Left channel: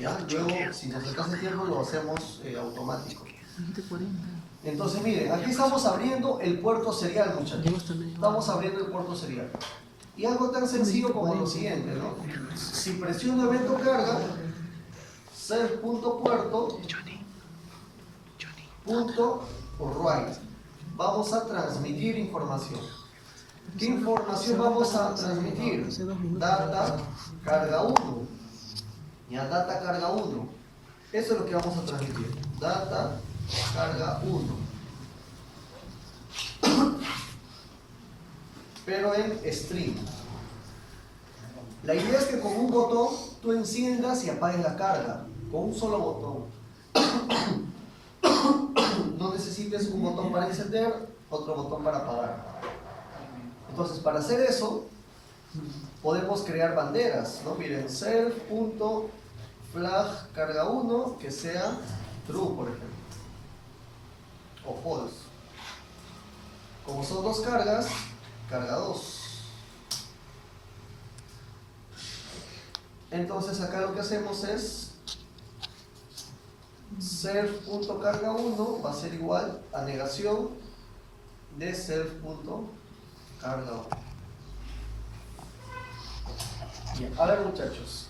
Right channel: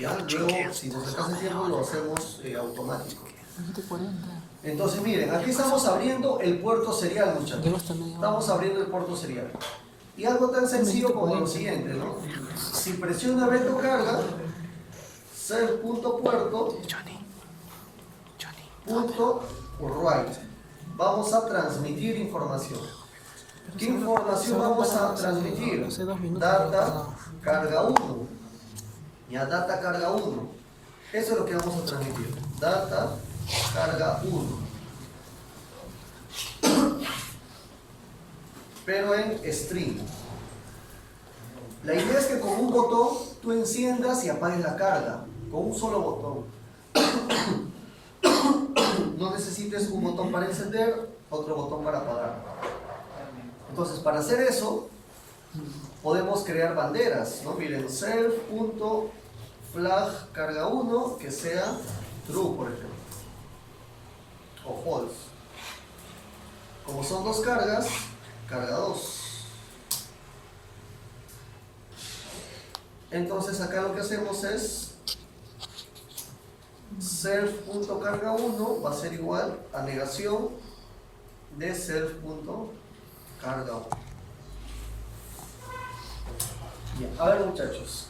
¿Ya? Luego, si nos alcanza el tiempo, lo hacemos automático. Entonces, miren, aquí estamos abriendo el puerto serial, muchachos. Estamos abriendo el puerto serial. Y algo tan sencillo como lo siguiente, ¿no? Si presiono evento carga, self.puerto, punto write. Vamos a transmitir información. ¿Qué información vamos a transmitir? Data carga 1. Ya, data carga 1. Eso es lo que vamos a transmitir. Data carga 1. Pero en string. La idea es que con un botón tú enciendas y apagues la carga. Con un solo botón. No necesites un botón para encender, otro botón para apagar. Entonces, para hacer eso, podemos crear banderas, ¿no? Miren, self.flag carga 1 que sea true, por ejemplo, o false. Como son dos cargas, carga 2. Entonces acá lo que hacemos es self.carga 1 va a ser igual a negación de self.carga 1. Bien, a ver, muchachos,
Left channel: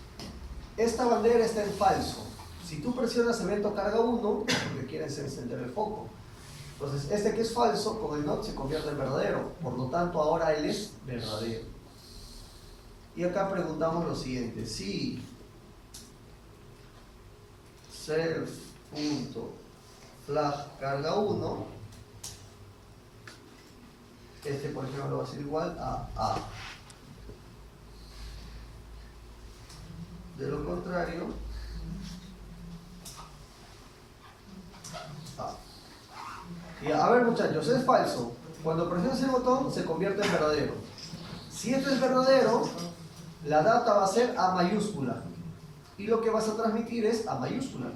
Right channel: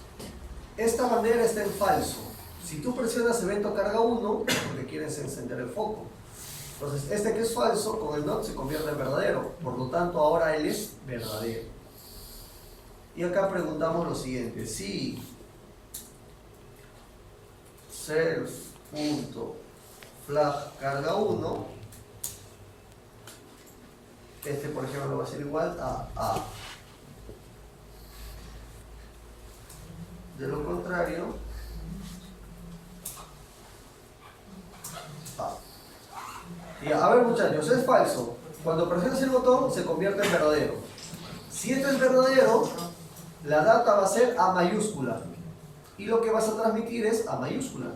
esta bandera está en falso. Si tú presionas evento carga 1 es porque quieres encender el foco. Entonces este que es falso con el not se convierte en verdadero, por lo tanto ahora él es verdadero. Y acá preguntamos lo siguiente: si self.flag carga 1, este por ejemplo va a ser igual a A. De lo contrario, A. Y a ver, muchachos, es falso. Cuando presionas el botón se convierte en verdadero. Si esto es verdadero, la data va a ser A mayúscula y lo que vas a transmitir es A mayúscula.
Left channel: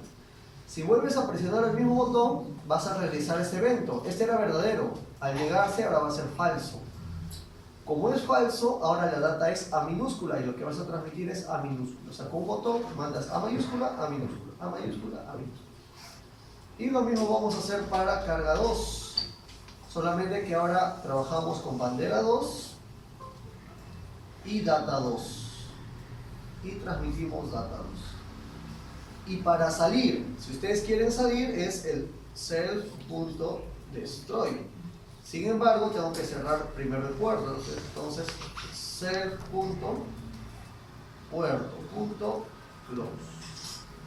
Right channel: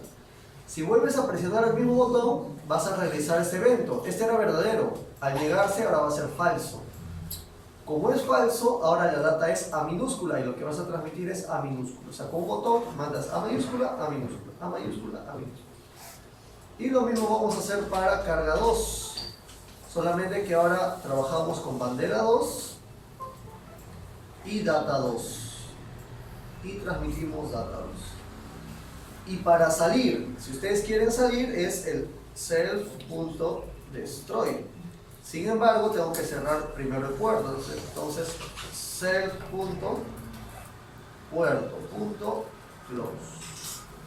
Si vuelves a presionar el mismo botón, vas a realizar este evento. Este era verdadero, al llegarse ahora va a ser falso. Como es falso, ahora la data es A minúscula y lo que vas a transmitir es A minúscula. O sea, con un botón mandas A mayúscula, A minúscula, A mayúscula, A minúscula. Y lo mismo vamos a hacer para carga 2. Solamente que ahora trabajamos con bandera 2 y data 2. Y transmitimos data 2. Y para salir, si ustedes quieren salir, es el self.destroy. Sin embargo, tengo que cerrar primero el puerto. Entonces, self.puerto.close.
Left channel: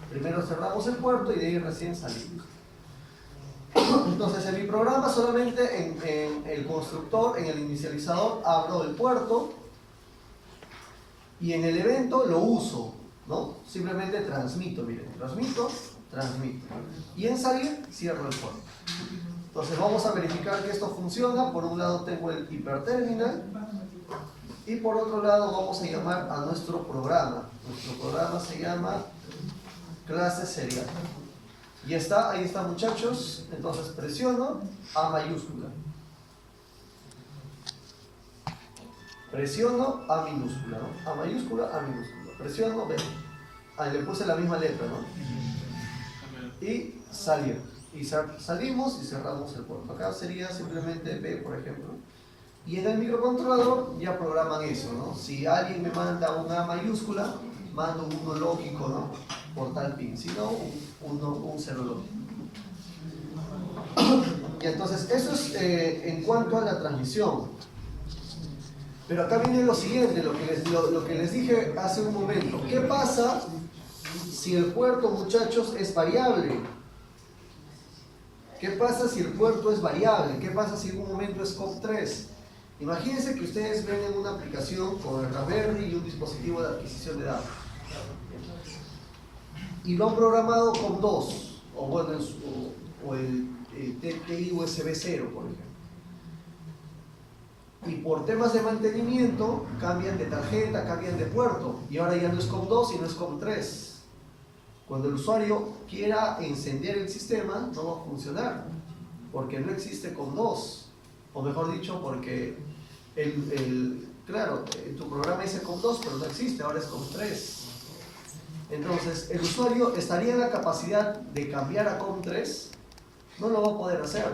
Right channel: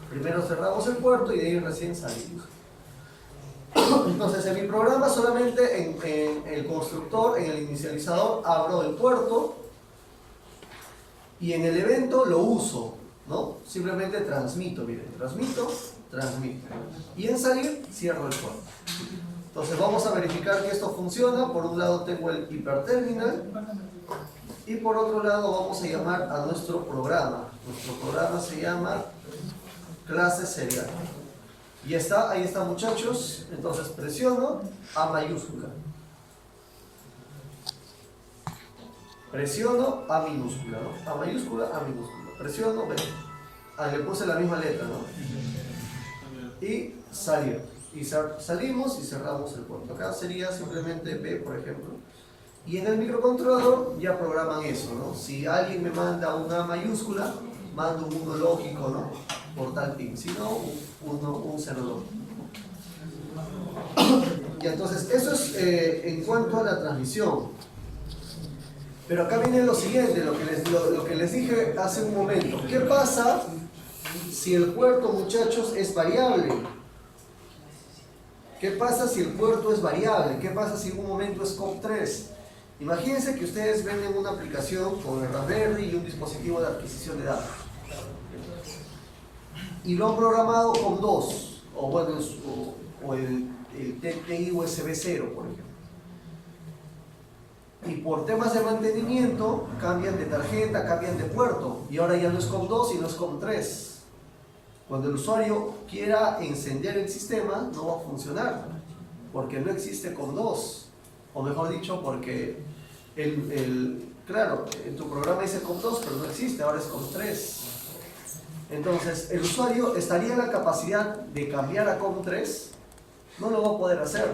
Primero cerramos el puerto y de ahí recién salimos. Entonces, en mi programa solamente en el constructor, en el inicializador, abro el puerto y en el evento lo uso, ¿no? Simplemente transmito, miren, transmito. Y en salir, cierro el puerto. Entonces vamos a verificar que esto funciona. Por un lado tengo el hiperterminal y por otro lado vamos a llamar a nuestro programa. Nuestro programa se llama clase serial. Y está, ahí está, muchachos. Entonces presiono A mayúscula. Presiono A minúscula, ¿no? A mayúscula, A minúscula. Presiono B. Ahí le puse la misma letra, ¿no? Y salir. Y salimos y cerramos el puerto. Acá sería simplemente B, por ejemplo. Y en el microcontrolador ya programan eso, ¿no? Si alguien me manda una A mayúscula, mando un 1 lógico, ¿no? Por tal pin. Si no, un 0 lógico. Y entonces, eso es en cuanto a la transmisión. Pero acá viene lo siguiente, lo que les dije hace un momento. ¿Qué pasa si el puerto, muchachos, es variable? ¿Qué pasa si el puerto es variable? ¿Qué pasa si en un momento es COP3? Imagínense que ustedes venden una aplicación con el Raspberry y un dispositivo de adquisición de datos. Y lo han programado con 2, o bueno, o el TTI USB 0, por ejemplo. Y por temas de mantenimiento cambian de tarjeta, cambian de puerto, y ahora ya no es COM2 y no es COM3. Cuando el usuario quiera encender el sistema, no va a funcionar, porque no existe COM2, o mejor dicho, porque claro, en tu programa dice COM2, pero no existe, ahora es COM3. Entonces, el usuario estaría en la capacidad de cambiar a COM3, no lo va a poder hacer,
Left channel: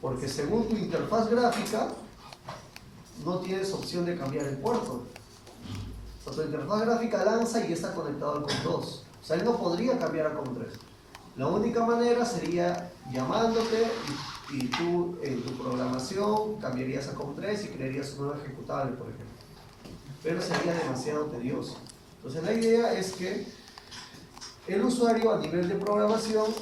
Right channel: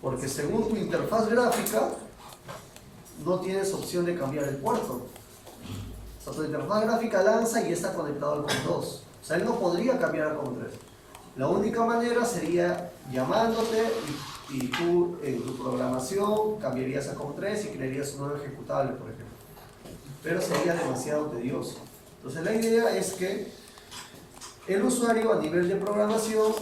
porque según tu interfaz gráfica, no tienes opción de cambiar el puerto. O sea, tu interfaz gráfica lanza y está conectado al COM2. O sea, él no podría cambiar a COM3. La única manera sería llamándote y tú en tu programación cambiarías a COM3 y crearías un nuevo ejecutable, por ejemplo. Pero sería demasiado tedioso. Entonces la idea es que el usuario a nivel de programación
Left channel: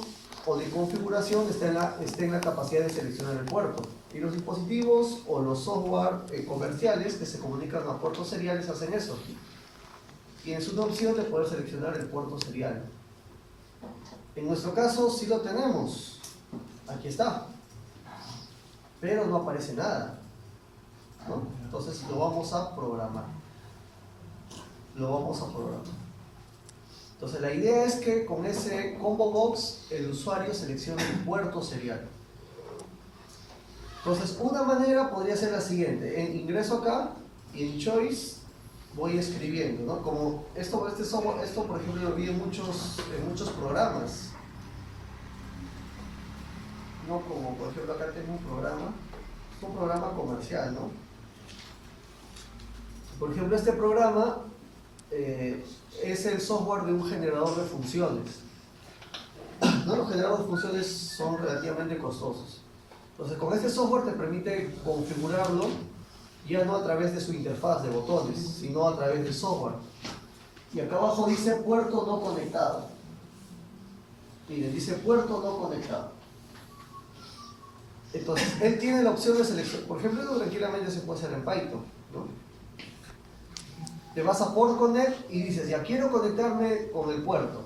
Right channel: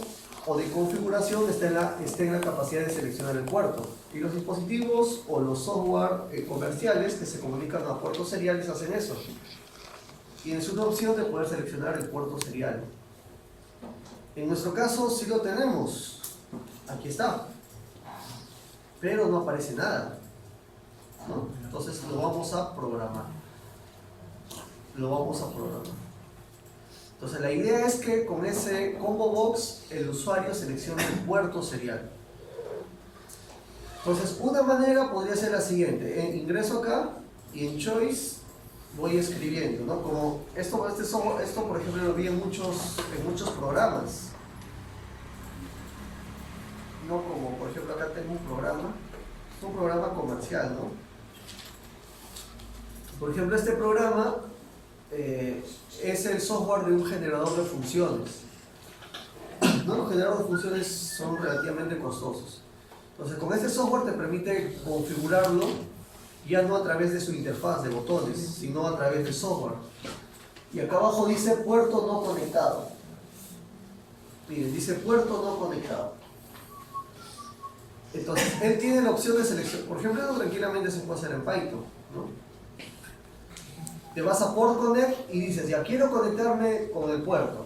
o de configuración esté en la capacidad de seleccionar el puerto. Y los dispositivos o los software comerciales que se comunican a puertos seriales hacen eso. Tienes una opción de poder seleccionar el puerto serial. En nuestro caso sí lo tenemos. Aquí está. Pero no aparece nada, ¿no? Entonces lo vamos a programar. Entonces la idea es que con ese combo box el usuario seleccione el puerto serial. Entonces una manera podría ser la siguiente: ingreso acá y en choice voy escribiendo, ¿no? Como esto por ejemplo lo vi en muchos programas, no como por ejemplo acá tengo un programa comercial, ¿no? Por ejemplo, este programa es el software de un generador de funciones, ¿no? Los generadores de funciones son relativamente costosos. Entonces, con este software te permite configurarlo ya no a través de su interfaz de botones, sino a través del software. Y acá abajo dice puerto no conectado. Miren, dice puerto no conectado. Entonces, él tiene la opción de selección. Por ejemplo, esto tranquilamente se puede hacer en Python, ¿no? Te vas a Port Connect y dices, ya quiero conectarme con el puerto,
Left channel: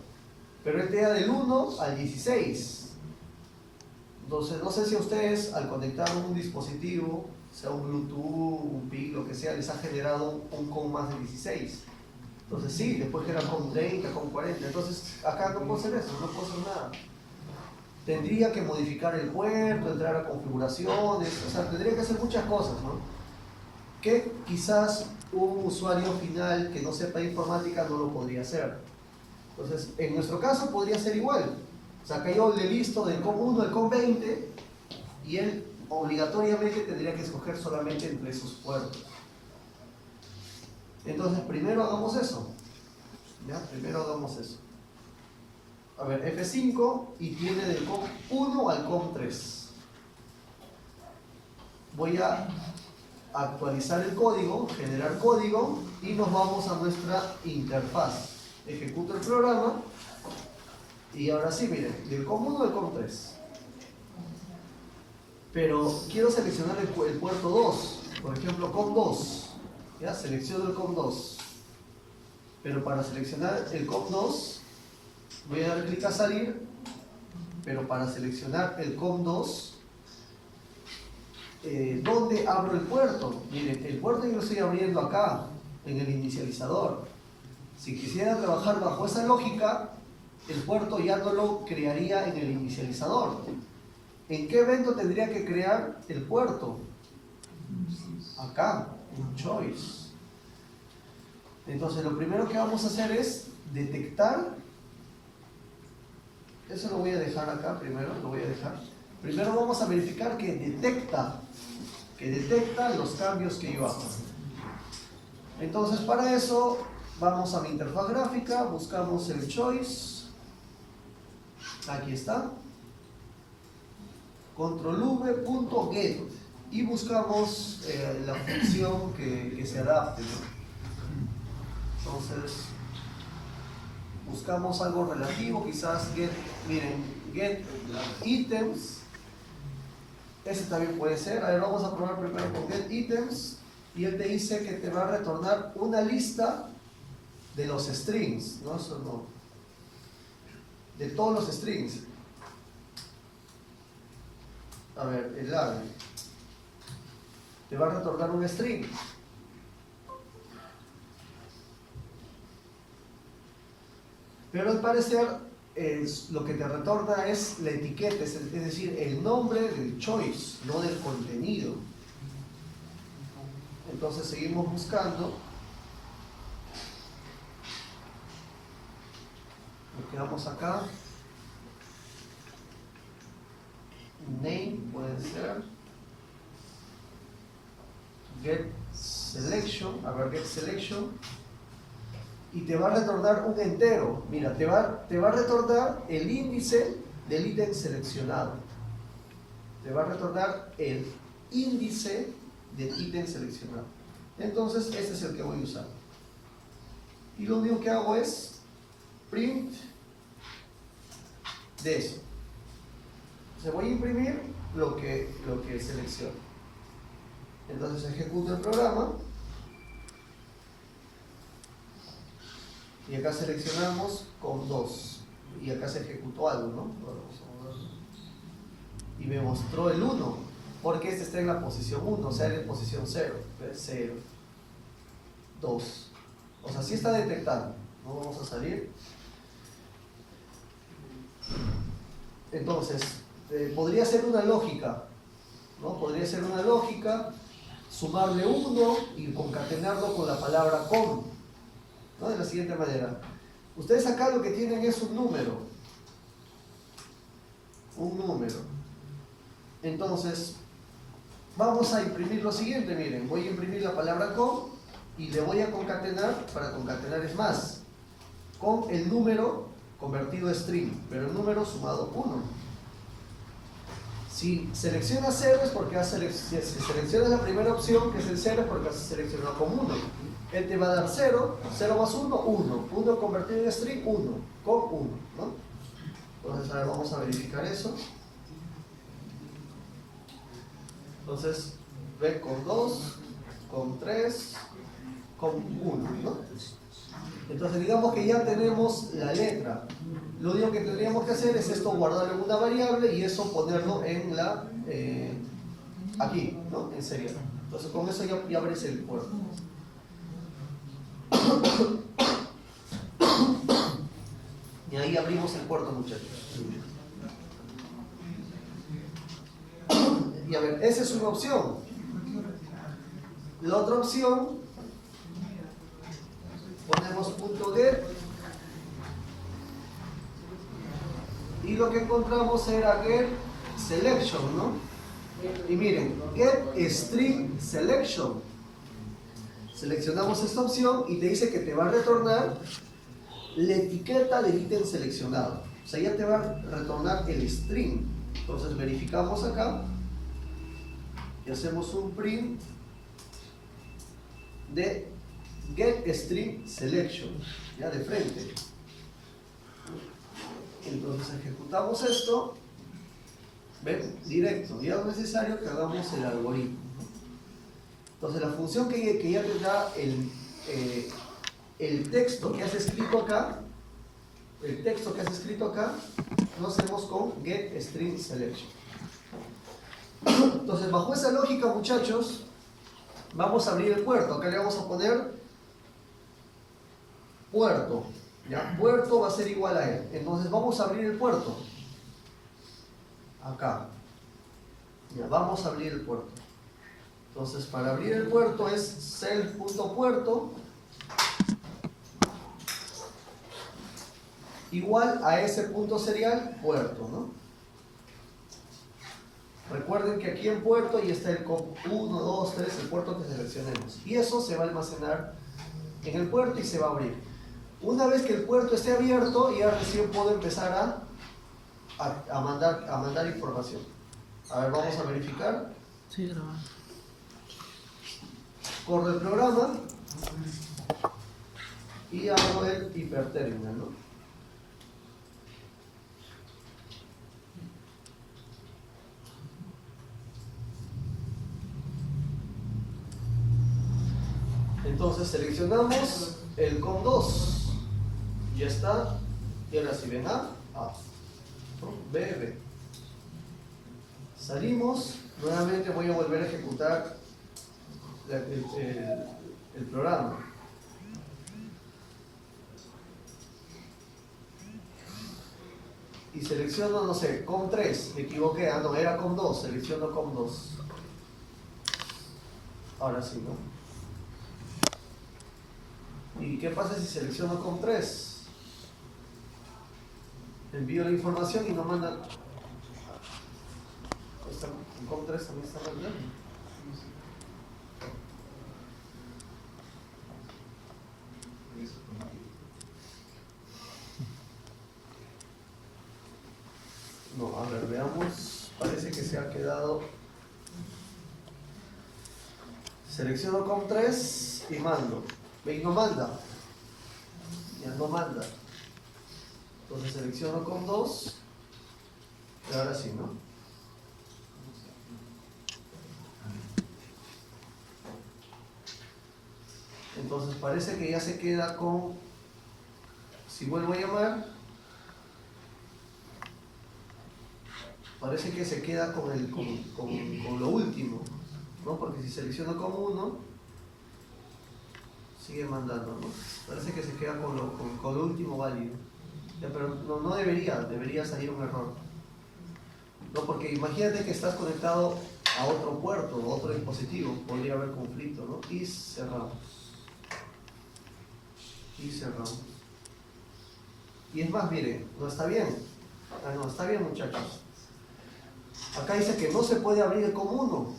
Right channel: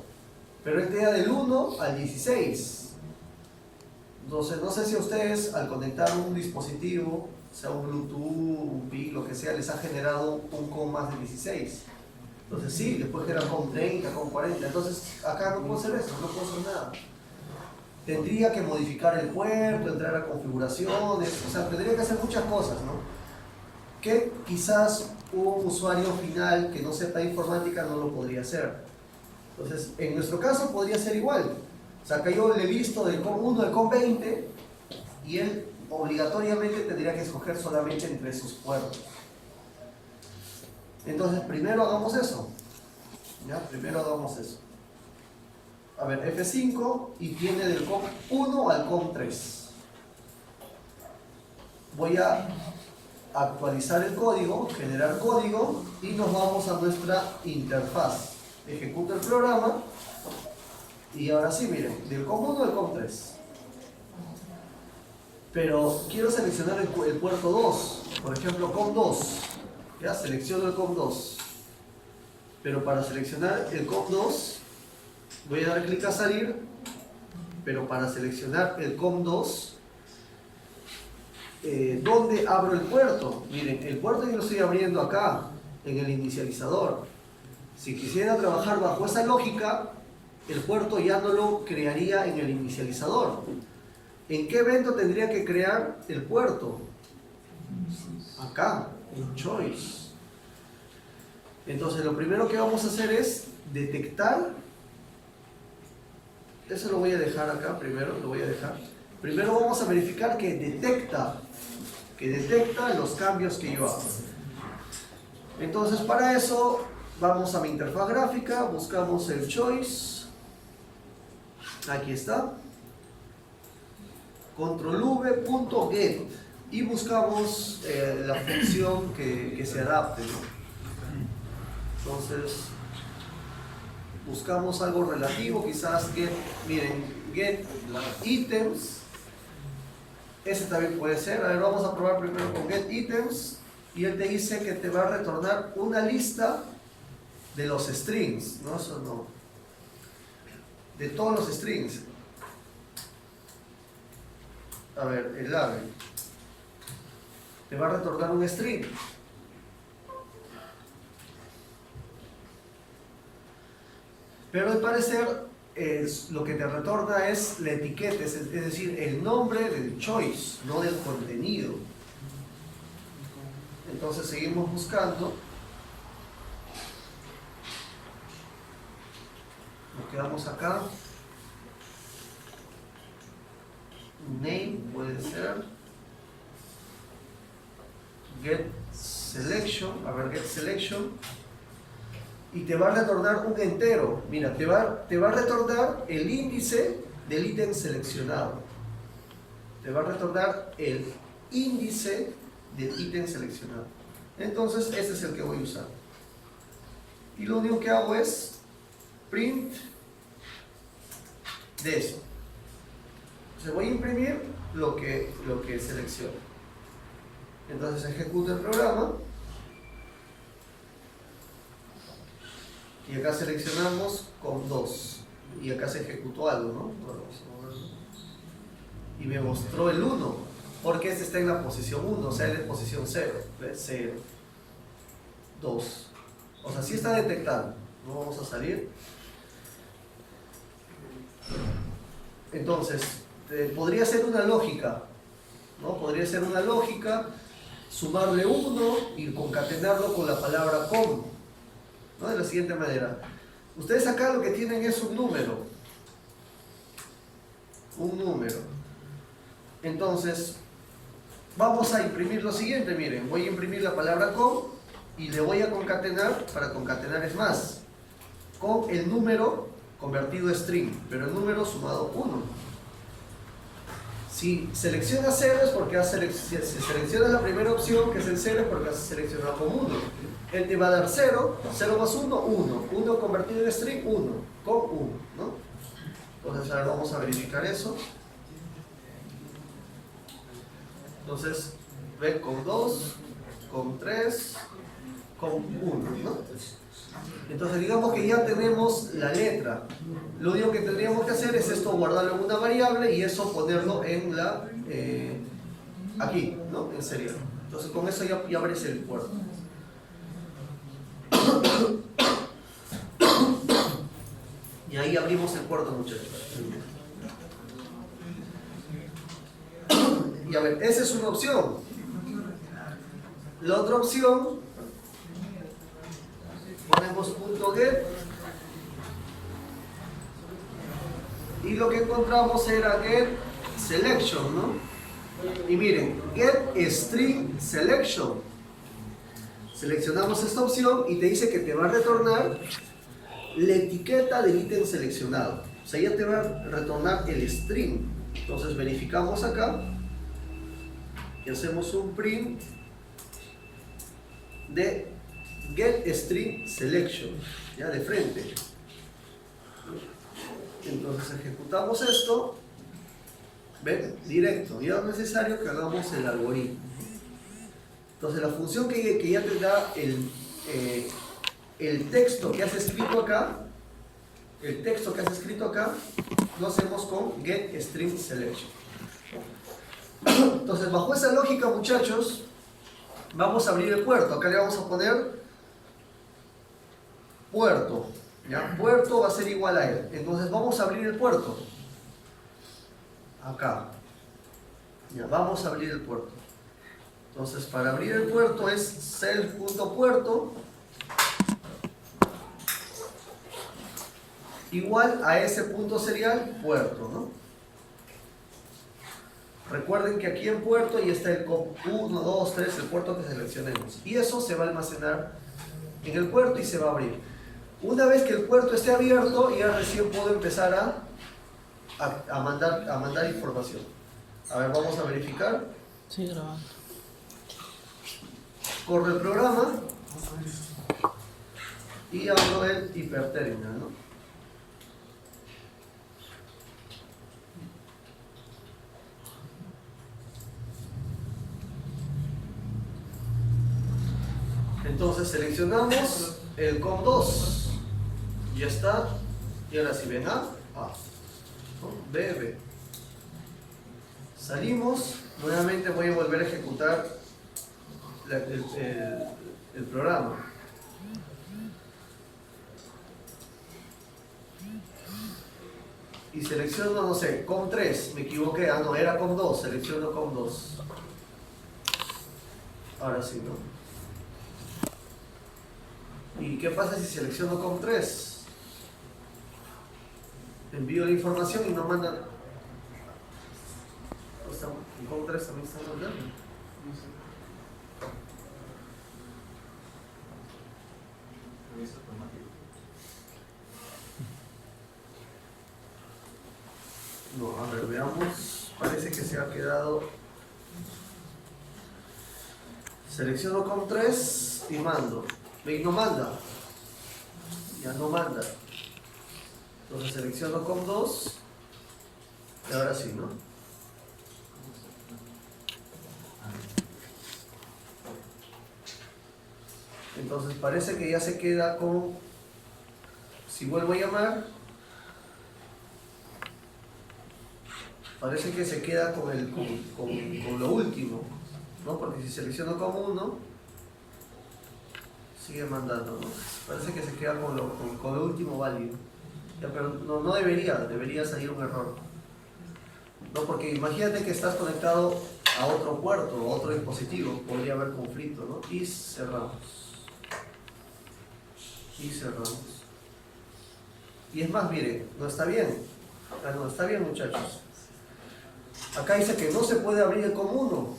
pero él te da del 1 al 16. Entonces, no sé si a ustedes al conectar un dispositivo, sea un Bluetooth, un PIC, lo que sea, les ha generado un COM más de 16. Entonces sí, después que era COM 30, COM 40. Entonces acá no puedo hacer eso, no puedo hacer nada. Tendría que modificar el puerto, entrar a configuraciones, o sea, tendría que hacer muchas cosas, ¿no? Que quizás un usuario final que no sepa informática no lo podría hacer. Entonces, en nuestro caso podría ser igual. O sea, que yo le listo del COM 1 al COM 20 y él obligatoriamente tendría que escoger solamente entre sus puertos. Entonces, primero hagamos eso. ¿Ya? Primero hagamos eso. A ver, F5 y tiene del COM 1 al COM 3. Voy a actualizar el código, generar código y nos vamos a nuestra interfaz. Ejecuto el programa y ahora sí, miren, del COM 1 al COM 3. Pero quiero seleccionar el puerto 2, por ejemplo, COM 2. Ya, selecciono el COM 2. Pero para seleccionar el COM 2, voy a dar clic a salir, pero para seleccionar el COM 2, ¿dónde abro el puerto? Miren, el puerto yo lo estoy abriendo acá, en el inicializador. Si quisiera trabajar bajo esa lógica, el puerto ya no lo crearía en el inicializador. ¿En qué evento tendría que crear el puerto? Acá, en Choice. Entonces, lo primero que vamos a hacer es detectar. Eso lo voy a dejar acá primero, lo voy a dejar. Primero vamos a verificar que detecta los cambios que yo hago. Entonces, para eso, vamos a mi interfaz gráfica, buscamos el Choice. Aquí está. control-v.get y buscamos la función que se adapte, ¿no? Entonces buscamos algo relativo, quizás get items. Ese también puede ser. A ver, vamos a probar primero con get items y él te dice que te va a retornar una lista de los strings, ¿no? Eso no, de todos los strings. A ver, el label te va a retornar un string. Pero al parecer lo que te retorna es la etiqueta, es decir, el nombre del choice, no del contenido. Entonces seguimos buscando. Nos quedamos acá. Name puede ser. Get selection. A ver, get selection. Y te va a retornar un entero. Mira, te va a retornar el índice del ítem seleccionado. Te va a retornar el índice del ítem seleccionado. Entonces, ese es el que voy a usar. Y lo único que hago es print de eso. Entonces voy a imprimir lo que selecciono. Entonces ejecuto el programa. Y acá seleccionamos con 2. Y acá se ejecutó algo, ¿no? Bueno, vamos a verlo. Y me mostró el 1. Porque este está en la posición 1, o sea, en posición 0. ¿Ves? 0. 2. O sea, sí está detectando. No vamos a salir. Entonces, podría ser una lógica, ¿no? Podría ser una lógica, sumarle 1 y concatenarlo con la palabra con, ¿no? De la siguiente manera. Ustedes acá lo que tienen es un número. Un número. Entonces, vamos a imprimir lo siguiente, miren. Voy a imprimir la palabra con y le voy a concatenar, para concatenar es más, con el número convertido a string, pero el número sumado 1. Si selecciona 0 es porque si selecciona la primera opción, que es el 0, es porque has seleccionado con 1. Él te va a dar 0, 0 más 1, 1. 1 convertido en string, 1. Con 1, ¿no? Entonces, ahora vamos a verificar eso. Entonces, ven con 2, con 3, con 1, ¿no? Entonces, digamos que ya tenemos la letra. Lo único que tendríamos que hacer es esto, guardarlo en una variable y eso ponerlo en la aquí, ¿no? En serial. Entonces, con eso ya abres el puerto. Y ahí abrimos el puerto, muchachos. Y a ver, esa es una opción. La otra opción, ponemos .get y lo que encontramos era get selection, ¿no? Y miren, get string selection. Seleccionamos esta opción y te dice que te va a retornar la etiqueta del ítem seleccionado. O sea, ya te va a retornar el string. Entonces verificamos acá y hacemos un print de get string selection, ya de frente. Entonces ejecutamos esto, ven, directo, ya no es necesario que hagamos el algoritmo. Entonces la función que ya te da el texto que has escrito acá, lo hacemos con get string selection. Entonces, bajo esa lógica, muchachos, vamos a abrir el puerto. Acá le vamos a poner puerto, ¿ya? Puerto va a ser igual a él. Entonces vamos a abrir el puerto. Acá. Ya, vamos a abrir el puerto. Entonces, para abrir el puerto es self.puerto igual a ese punto serial puerto, ¿no? Recuerden que aquí en puerto ya está el COP 1, 2, 3, el puerto que seleccionemos. Y eso se va a almacenar en el puerto y se va a abrir. Una vez que el puerto esté abierto, ya recién puedo empezar a mandar información. A ver, vamos a verificar. Sí, grabando. Corre el programa y abro el hiperterminal, ¿no? Entonces seleccionamos el COM2. Ya está. Y ahora si ven A, ¿no? B, B. Salimos. Nuevamente voy a volver a ejecutar el programa. Y selecciono, no sé, COM3. Me equivoqué. Ah, no, era COM2. Selecciono COM2. Ahora sí, ¿no? ¿Y qué pasa si selecciono COM3? envío la información y no manda. En COM3 también está mandando. No, a ver, veamos. Parece que se ha quedado. Selecciono COM3 y mando. Y no manda. Ya no manda. Entonces selecciono COM2 y ahora sí, ¿no? Entonces parece que ya se queda con, si vuelvo a llamar, parece que se queda con lo último, ¿no? Porque si selecciono como 1, sigue mandando, ¿no? Parece que se queda con lo último válido. Ya, pero no debería salir un error. No, porque imagínate que estás conectado a otro puerto, a otro dispositivo, podría haber conflicto, ¿no? Y cerramos. Y cerramos. Y es más, miren, no está bien. No está bien, muchachos. Acá dice que no se puede abrir el COM1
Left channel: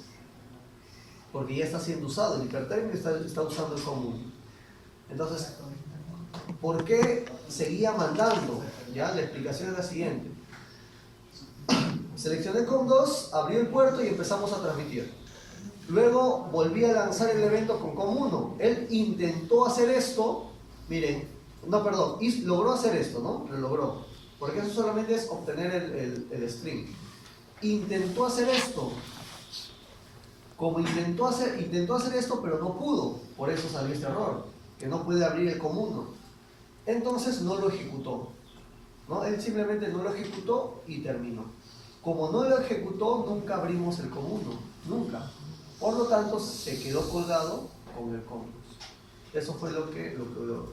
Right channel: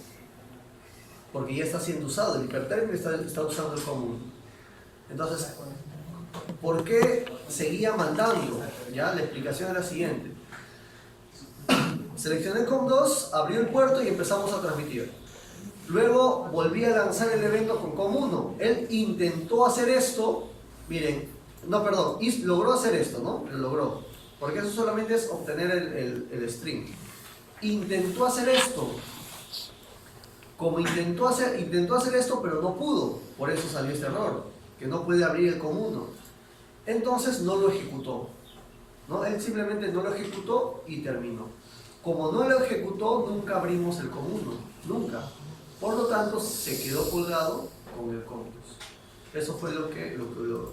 porque ya está siendo usado, el hipertérmico está usando el COM1. Entonces, ¿por qué seguía mandando? ¿Ya? La explicación es la siguiente. Seleccioné COM2, abrió el puerto y empezamos a transmitir. Luego volví a lanzar el evento con COM1. Él intentó hacer esto, miren, no, perdón, logró hacer esto, ¿no? Lo logró, porque eso solamente es obtener el string. Intentó hacer esto. Como intentó hacer esto, pero no pudo, por eso salió este error, que no puede abrir el COM1. Entonces no lo ejecutó, ¿no? Él simplemente no lo ejecutó y terminó. Como no lo ejecutó, nunca abrimos el COM1, nunca. Por lo tanto, se quedó colgado con el COM2. Eso fue lo que ocurrió.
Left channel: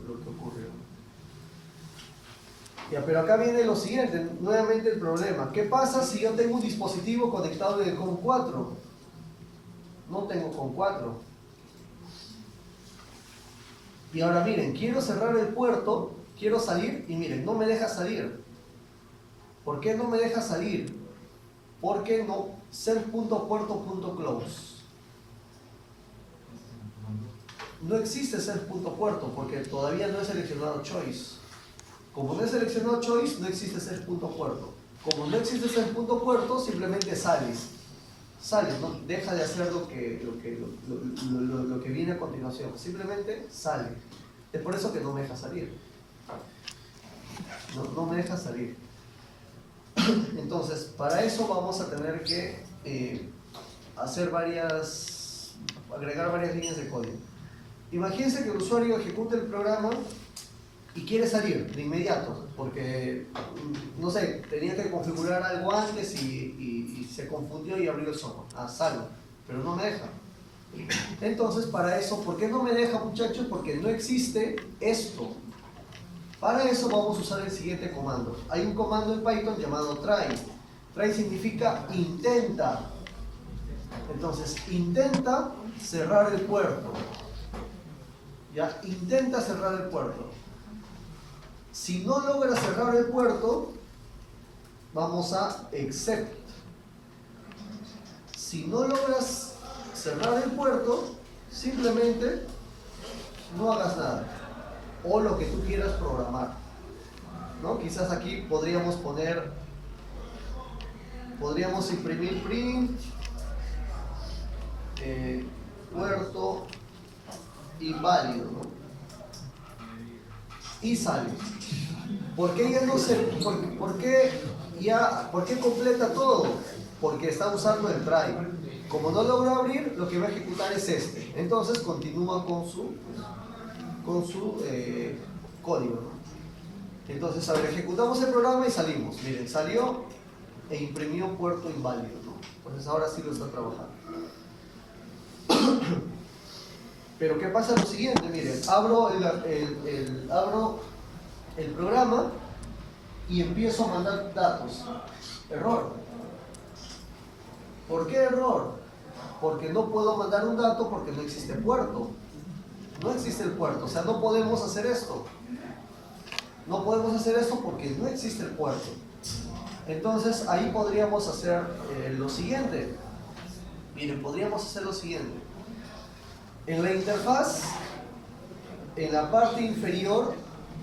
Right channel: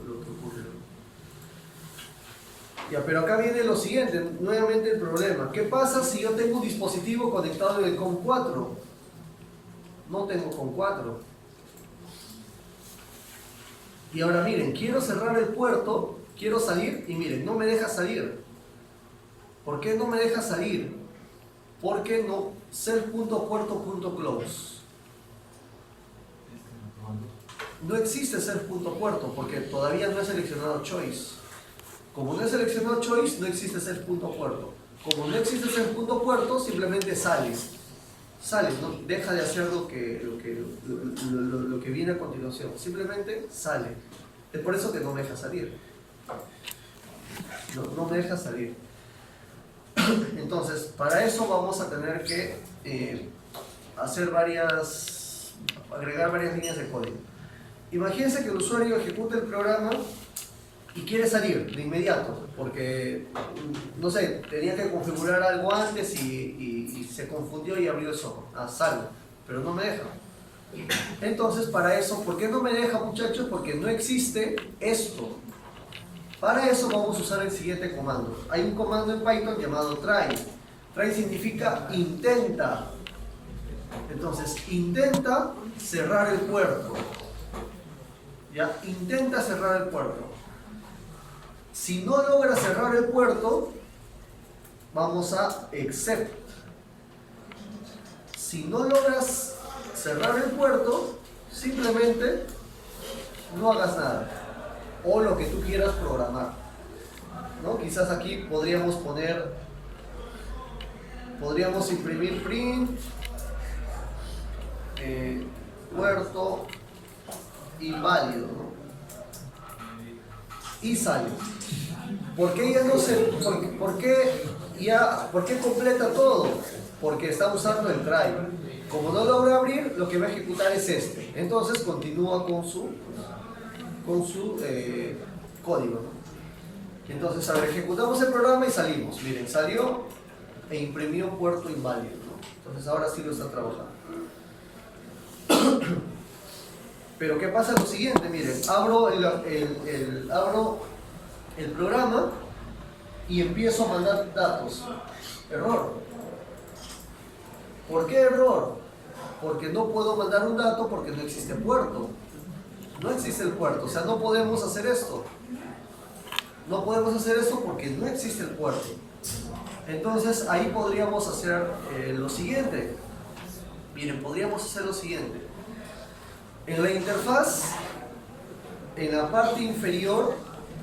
Ya, pero acá viene lo siguiente, nuevamente el problema. ¿Qué pasa si yo tengo un dispositivo conectado en el COM4? No tengo COM4. Y ahora miren, quiero cerrar el puerto, quiero salir y miren, no me deja salir. ¿Por qué no me deja salir? Porque no, self.puerto.close. No existe self.puerto porque todavía no he seleccionado choice. Como no he seleccionado choice, no existe self.puerto. Como no existe self.puerto, simplemente sales, ¿no? Deja de hacer lo que viene a continuación. Simplemente sale. Es por eso que no me deja salir. No me deja salir. Entonces, para eso vamos a tener que agregar varias líneas de código. Imagínense que el usuario ejecuta el programa y quiere salir de inmediato, porque, no sé, tenía que configurar algo antes y se confundió y abrió el software. Salgo, pero no me deja. Entonces, para eso, ¿por qué no me deja, muchachos? Porque no existe esto. Para eso vamos a usar el siguiente comando. Hay un comando en Python llamado try. Try significa intenta. Entonces, intenta cerrar el puerto. ¿Ya? Intenta cerrar el puerto. Si no logra cerrar el puerto, vamos a except. Si no logras cerrar el puerto, simplemente no hagas nada. O lo que tú quieras programar, ¿no? Quizás aquí podríamos imprimir print puerto inválido, ¿no? Y sale. ¿Por qué ya no se, por qué completa todo? Porque está usando el try. Como no logra abrir, lo que va a ejecutar es este. Entonces continúa con su código, ¿no? Entonces, a ver, ejecutamos el programa y salimos. Miren, salió e imprimió puerto inválido, ¿no? Entonces ahora sí lo está trabajando. Pero ¿qué pasa? Lo siguiente, miren, abro el programa y empiezo a mandar datos. Error. ¿Por qué error? Porque no puedo mandar un dato porque no existe puerto. No existe el puerto, o sea, no podemos hacer esto. No podemos hacer esto porque no existe el puerto. Entonces ahí podríamos hacer lo siguiente. Miren, podríamos hacer lo siguiente. En la interfaz, en la parte inferior,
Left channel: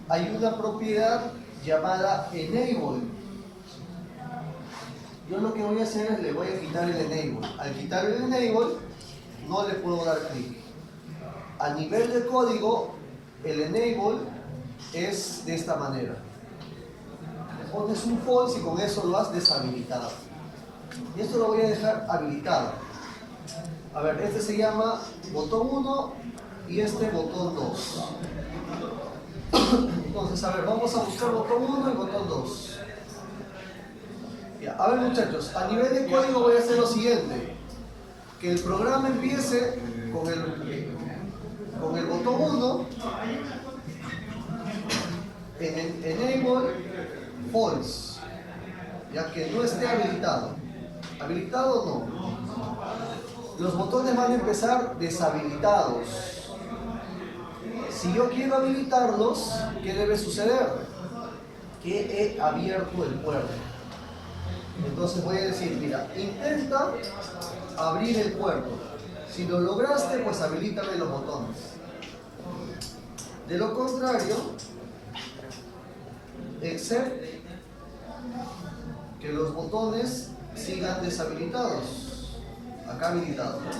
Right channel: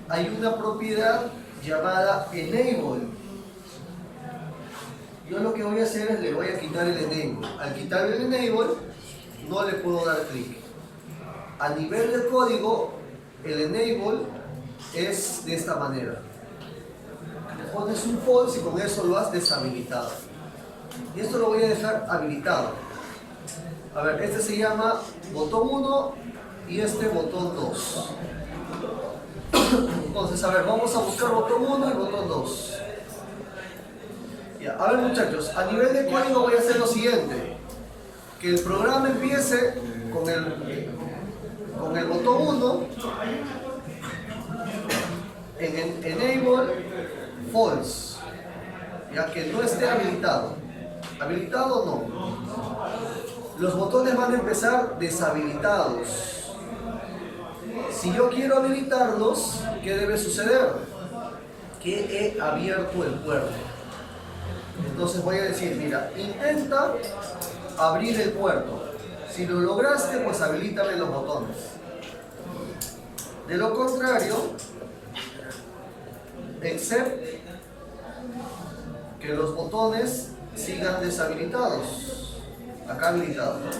hay una propiedad llamada Enable. Yo lo que voy a hacer es le voy a quitar el Enable. Al quitar el Enable, no le puedo dar clic. A nivel de código, el Enable es de esta manera. Le pones un false y con eso lo has deshabilitado. Y esto lo voy a dejar habilitado. A ver, este se llama botón 1 y este botón 2. Entonces, a ver, vamos a buscar botón 1 y botón 2. Ya, a ver muchachos, a nivel de código voy a hacer lo siguiente. Que el programa empiece con el botón 1 en Enable False, ya que no esté habilitado. ¿Habilitado no? Los botones van a empezar deshabilitados. Si yo quiero habilitarlos, ¿qué debe suceder? Que he abierto el puerto. Entonces voy a decir, mira, intenta abrir el puerto. Si lo lograste, pues habilítame los botones. De lo contrario, except que los botones sigan deshabilitados. Acá habilitados, ¿no?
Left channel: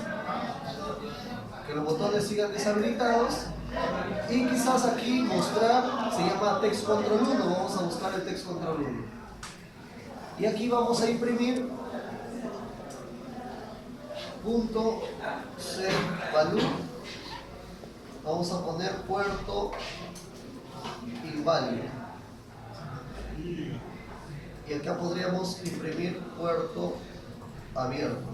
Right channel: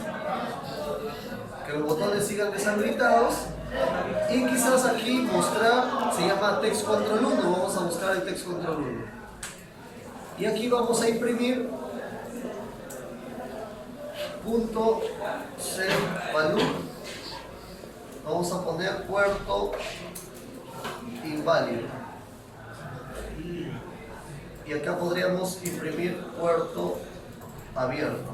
Que los botones sigan deshabilitados. Y quizás aquí mostrar, se llama text control 1. Vamos a buscar el text control 1. Y aquí vamos a imprimir punto setValue. Vamos a poner puerto inválido. Y acá podríamos imprimir puerto abierto.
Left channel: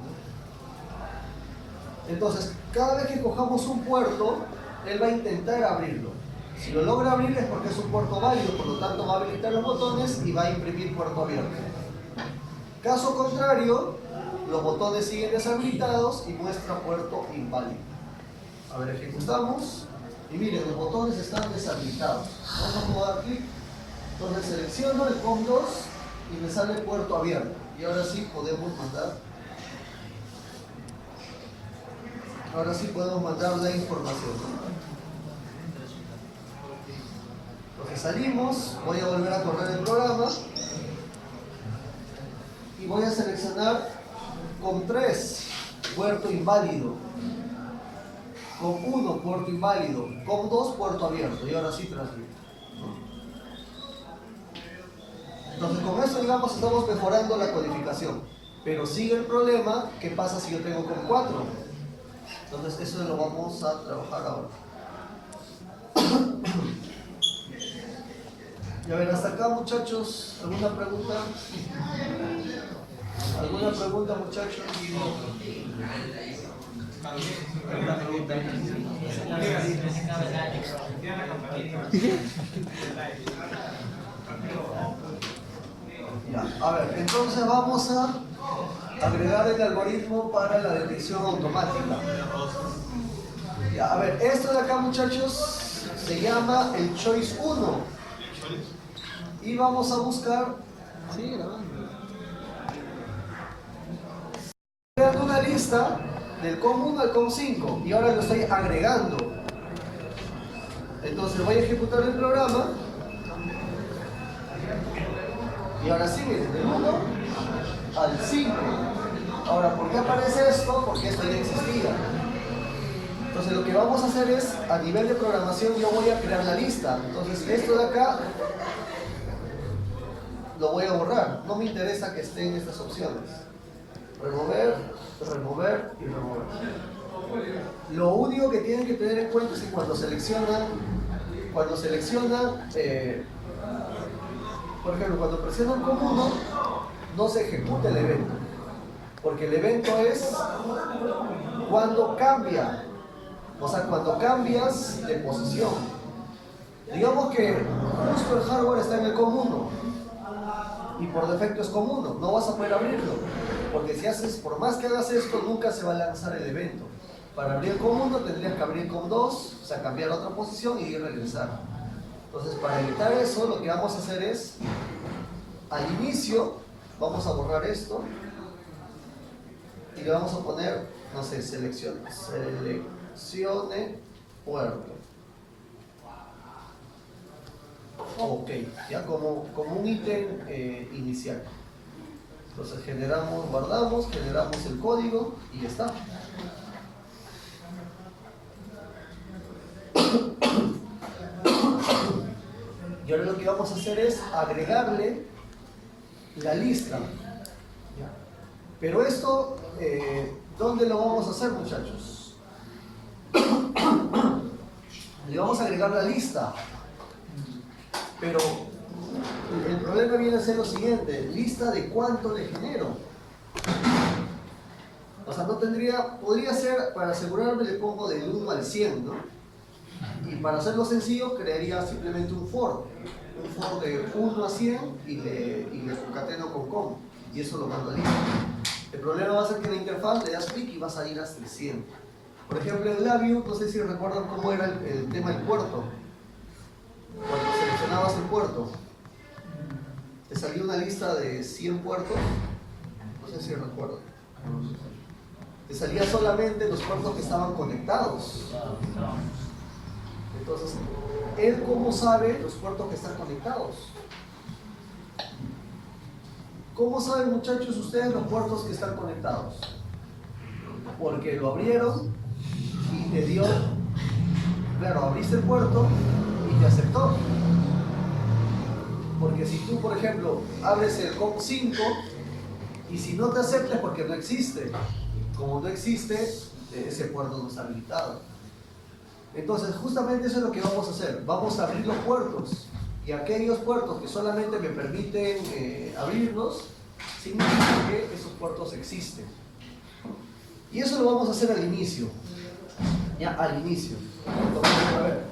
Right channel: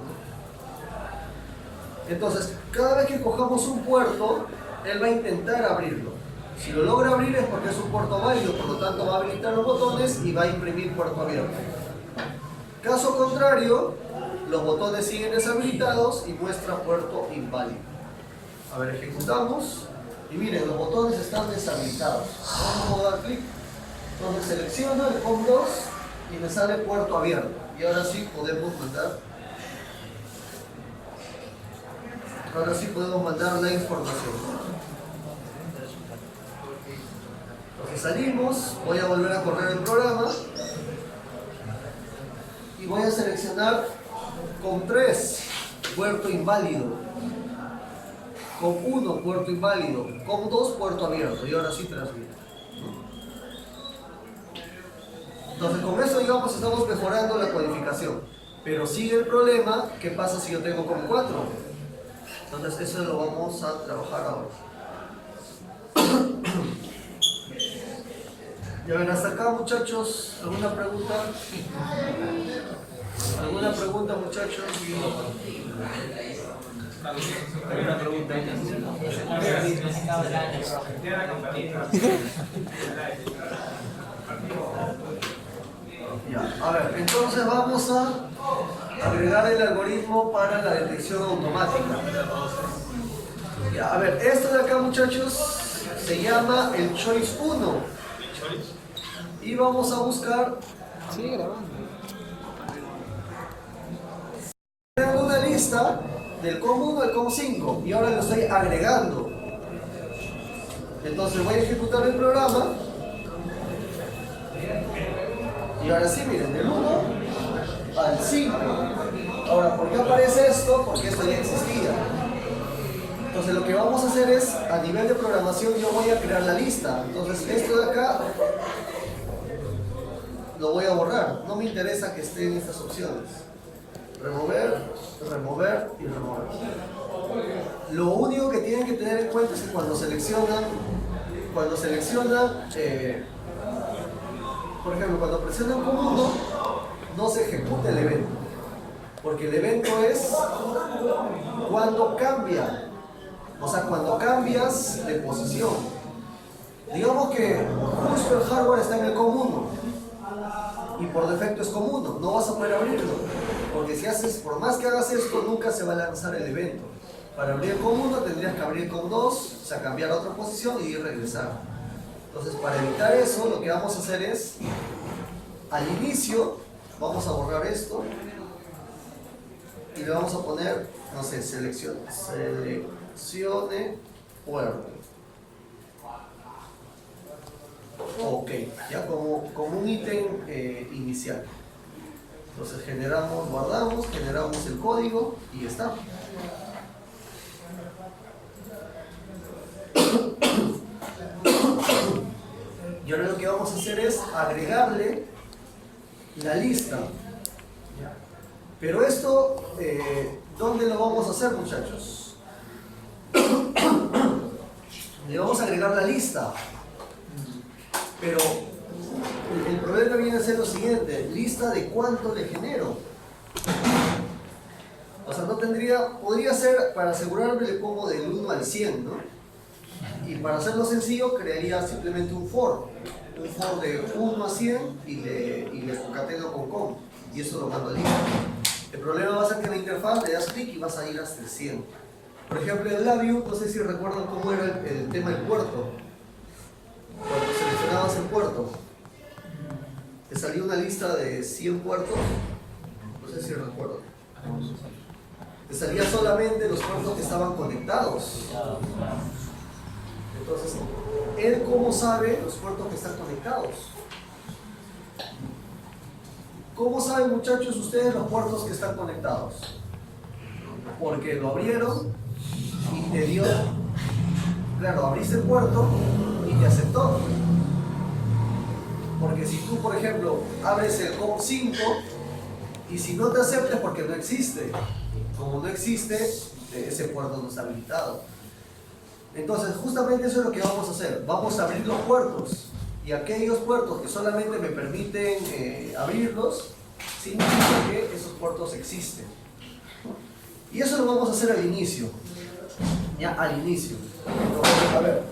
Entonces, cada vez que cojamos un puerto, él va a intentar abrirlo. Si lo logra abrir es porque es un puerto válido, por lo tanto va a habilitar los botones y va a imprimir puerto abierto. Caso contrario, los botones siguen deshabilitados y muestra puerto inválido. A ver, ejecutamos y miren, los botones están deshabilitados. No puedo dar clic. Entonces selecciono el COM2 y me sale puerto abierto. Y ahora sí podemos mandar. Ahora sí podemos mandar la información. Entonces salimos, voy a volver a correr el programa y voy a seleccionar COM3, puerto inválido, COM1, puerto inválido, COM2, puerto abierto, y ahora sí transmito. Entonces con eso, digamos, estamos mejorando la codificación, pero sigue el problema. ¿Qué pasa si yo tengo COM4? Entonces eso lo vamos a trabajar ahora. Y a ver, hasta acá muchachos, ¿alguna pregunta? ¿Alguna pregunta muchachos? ¿Alguna pregunta? Ya, a ver, entonces vamos a agregar el algoritmo para la detección automática. Ya, a ver, esto de acá muchachos se llama el Choice 1. Y vamos a buscar. Sigue grabando. Creando una lista del COM1 al COM5 y ahora lo estoy agregando. Entonces voy a ejecutar el programa. Y ahora sí, miren, del 1 al 5. Ahora, ¿por qué aparece esto? Porque esto ya existía. Entonces lo que vamos a hacer es, a nivel de programación, yo voy a crear la lista. Entonces esto de acá lo voy a borrar. No me interesa que esté en estas opciones. Remover, remover y remover. Lo único que tienen que tener en cuenta es que cuando seleccionan, por ejemplo, cuando presionan COM1, no se ejecuta el evento. Porque el evento es cuando cambia. O sea, cuando cambias de posición. Digamos que justo el hardware está en el COM1 y por defecto es COM1, no vas a poder abrirlo, porque si haces, por más que hagas esto, nunca se va a lanzar el evento. Para abrir el COM1 tendrías que abrir COM2, o sea, cambiar a otra posición y regresar. Entonces, para evitar eso, lo que vamos a hacer es, al inicio, vamos a borrar esto y le vamos a poner, no sé, seleccione puerto. Ok, ya como un ítem inicial. Entonces generamos, guardamos, generamos el código y ya está. Y ahora lo que vamos a hacer es agregarle la lista. Pero esto, ¿dónde lo vamos a hacer, muchachos? Le vamos a agregar la lista. Pero el problema viene a ser lo siguiente: lista de cuánto le genero. O sea, no tendría, podría ser, para asegurarme le pongo del 1 al 100, ¿no? Y para hacerlo sencillo, crearía simplemente un for de 1 a 100 y le concateno con com. Y eso lo mando a lista. El problema va a ser que en la interfaz le das clic y vas a ir hasta el 100. Por ejemplo, en LabVIEW, no sé si recuerdan cómo era el tema del puerto. Cuando seleccionabas el puerto, te salió una lista de 100 puertos. No sé si recuerdan. Te salían solamente los puertos que estaban conectados. Entonces, ¿él cómo sabe los puertos que están conectados? ¿Cómo saben, muchachos, ustedes los puertos que están conectados? Porque lo abrieron y te dio, claro, abriste el puerto y te aceptó. Porque si tú, por ejemplo, abres el COM5 y si no te acepta es porque no existe. Como no existe, ese puerto no está habilitado. Entonces, justamente eso es lo que vamos a hacer. Vamos a abrir los puertos. Y aquellos puertos que solamente me permiten abrirlos, significa que esos puertos existen. Y eso lo vamos a hacer al inicio. Ya, al inicio. Entonces, a ver,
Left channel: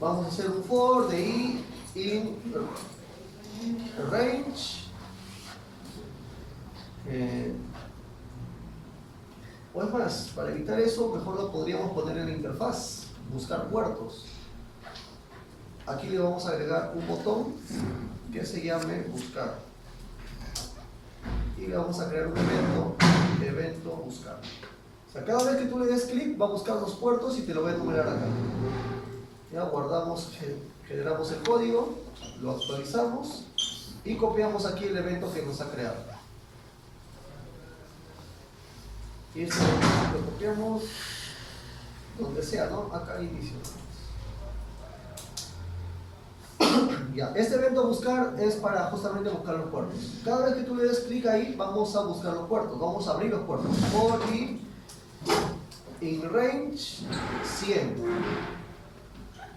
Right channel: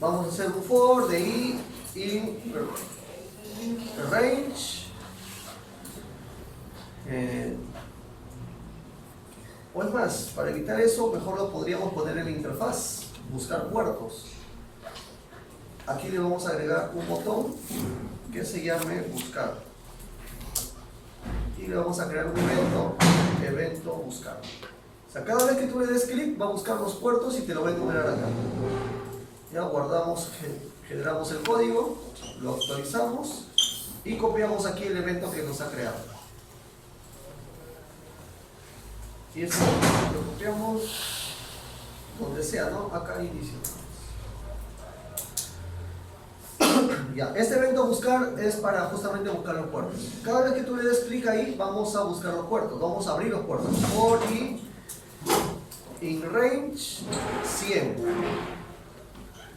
vamos a hacer un for de i in range. O es más, para evitar eso, mejor lo podríamos poner en la interfaz, buscar puertos. Aquí le vamos a agregar un botón que se llame buscar. Y le vamos a crear un evento buscar. O sea, cada vez que tú le des clic, va a buscar los puertos y te lo va a enumerar acá. Ya guardamos, generamos el código, lo actualizamos y copiamos aquí el evento que nos ha creado. Y esto lo copiamos donde sea, ¿no? Acá al inicio. Ya, este evento buscar es para justamente buscar los puertos. Cada vez que tú le des clic ahí, vamos a buscar los puertos, vamos a abrir los puertos. For i in range 100